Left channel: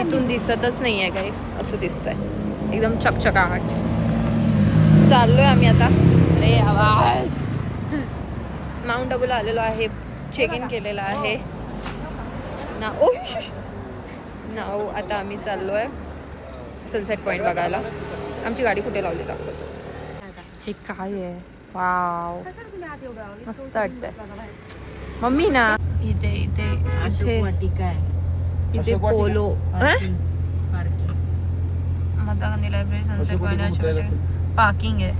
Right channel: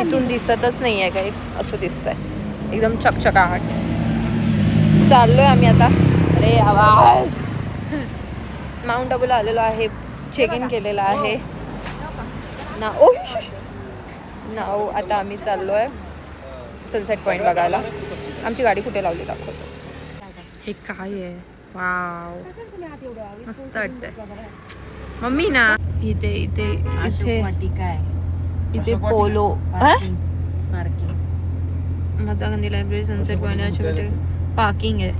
इथून दिसतच नाही आहे काही, असं दिसतंय एकदम चकचकाहट. चाललोय आम्ही आता. अरे आवाज. माउंट आबूला आलेलो आहे, चेक इन केलेलं आहे ना. ओ नाव आता आम्ही चाललोय सनसेट पॉइंट बघायला. आमची गाडी कुठे लावली दाखवतो. हे काय आहे, वाव मस्त वाटतंय. मम्मी ना इथे इथे इथे इथे polo Mahatma Gandhi library sunset point parking आहे.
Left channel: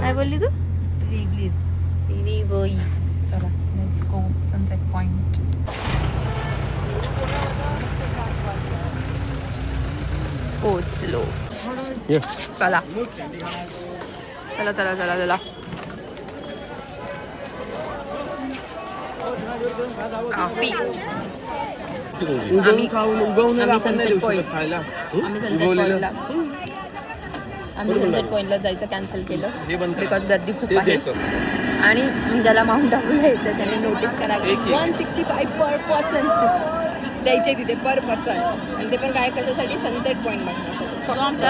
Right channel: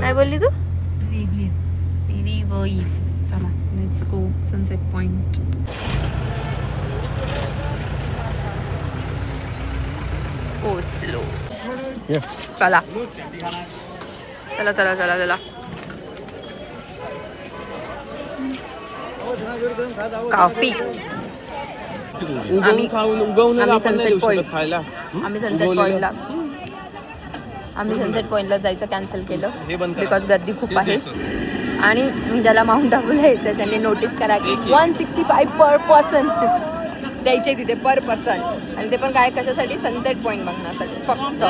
काय बोलली तू? चला लेट्स गो सनसेट पॉइंट. पोचलो. चला चला चला चला चला. कॉफी. आम्ही सनसेट पॉइंटला जायचं कॅन्सल केलं बिकॉज गर्दी खूप आहे. आणि ज्याला माउंट आबूला यायचं त्यांनी नोटीस करा की 165 पर पर्सन द्यायचे तिथे पर पर्सन. आणि ते पण काय कशासाठी? सनसेट पॉइंट बघण्यासाठी फक्त.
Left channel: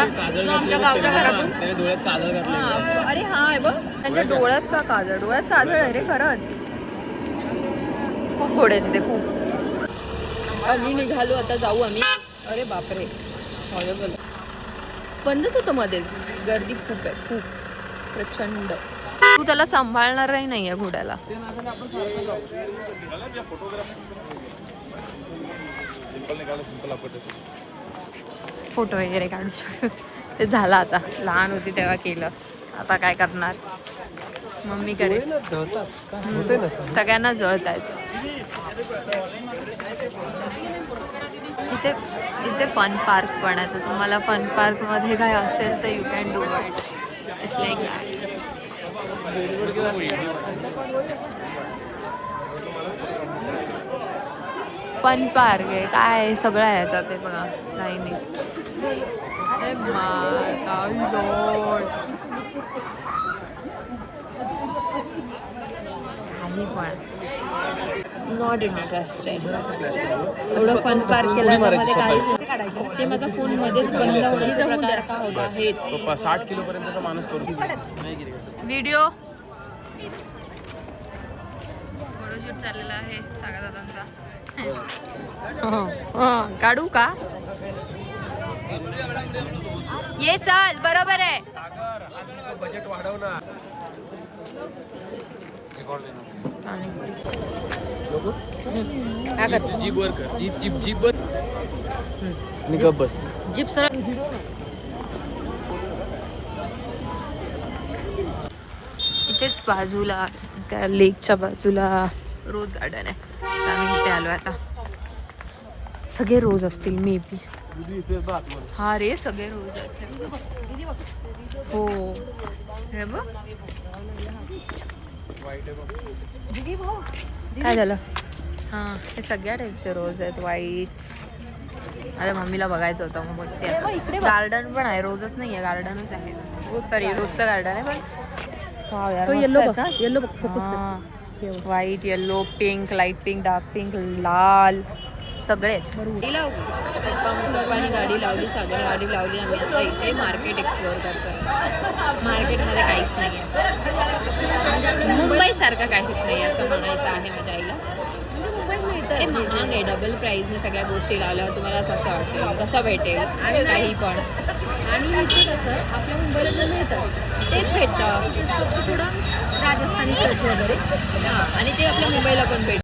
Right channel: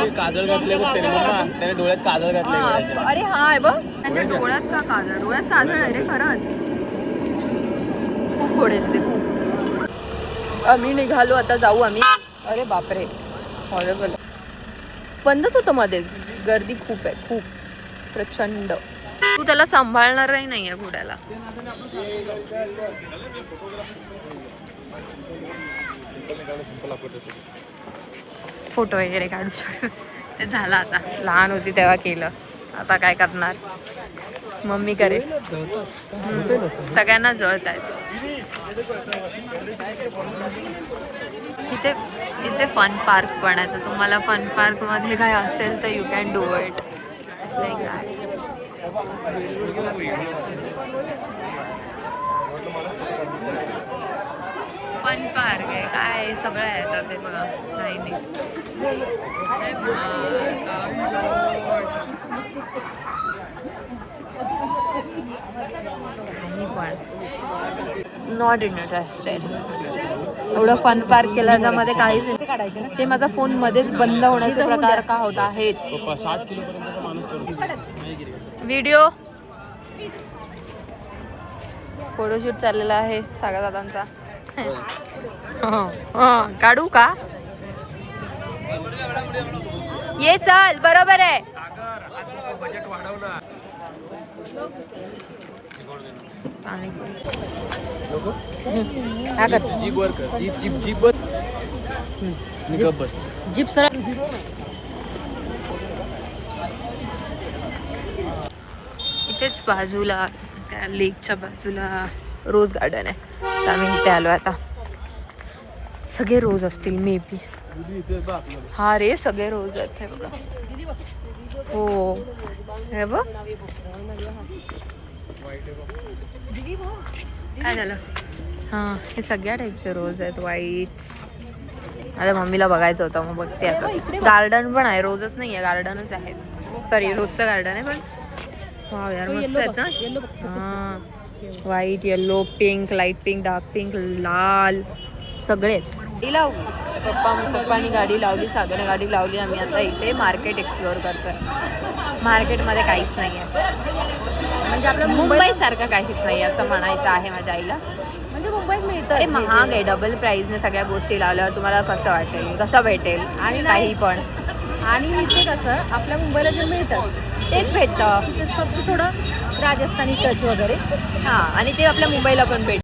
अरे हा आहे बघ त्यांच्या डोळ्यात का काजळ? डोळ्यात काजळ आहे रे खरंच. खूप गोड आहे तिथे खूप. आम्ही निघालो आता जाऊ आम्ही. अरे बापरे हॉरेबल. बंदच होतं मध्ये, गर्दी खूप आहे खूप प्रचंड. तू त्याला सांभाळणारही नाहीये घोड्याला. फोटो वगैरे काढू शकतो ते झालं आता. लहान होती तेव्हा केलं, आता काय करणार. मम्मी करेल. सगळ्यांना जळत आहेत. इथे इथे फन पार्क पण आहे. तर तुम्हाला फन पार्क मध्ये काय असेल तर you can do it. It's like that. Fun park आहे काय सगळं आहे याच्यात. ते बघा लाईनीत. काही पण नॉट इंटरेस्टेड. एवढं फन पार्क केलं याच्यामध्ये काहीच नाही. ते माझा फोन मध्येच बंद होण्याचा प्रकार का होत आहेत. 60 किलो पर्यंतचा माणूस करू. व्हिडिओ फोटोशूट चाललेला आहे सागर दादांचा. काढू का? ये चल बरोबर आहे. इथेच बाजूला त्या लेकच्या बाजूला रोज गार्डन आहे. तर आम्ही इथे आलो आता. सगळे रोज असतील मे बी. हा रे सगळे रोज आहेत. हे बघा. हो हे बघ काय झालं. हां हे सगळ्या टाईपचे रोज आहेत. व्हाईट. आता मम्मीला बघायचं होतं मग बघते आता. गार्डन पण आहे, रोजच नाही आहे गार्डनच आहे. सॉरी रोजचं गार्डन आहे पण. वाव यार मस्त आहेत ना. Yellow white yellow pink light pink dark pink लाल सगळे. गाडी लावू. पप्पानी गाडी लावली, सागरने गाडी लावली. आम्ही आता इथे मार्केट एक्सप्लोअर करतोय. मार्केटमध्ये काहीच नाही आहे म्हणजे आपल्या मुंबईसारखं काहीच नाही असं म्हणायचं आहे माझ्या आईला. म्हणजे मुंबईत मिळतं. ते महाग आहे. डबल प्राईसने सगळ्या गोष्टी लावल्यावर तुम्हाला कसं वाटेल, कसं भेटेल आणि काही पण. आणि इथे कसं आपल्या मुंबईला जे मिळतं तेच भेटतं. फक्त थोडं राजस्थानी टच वगैरे. हां आणि ते आपल्या मुंबईला पण भेटतं.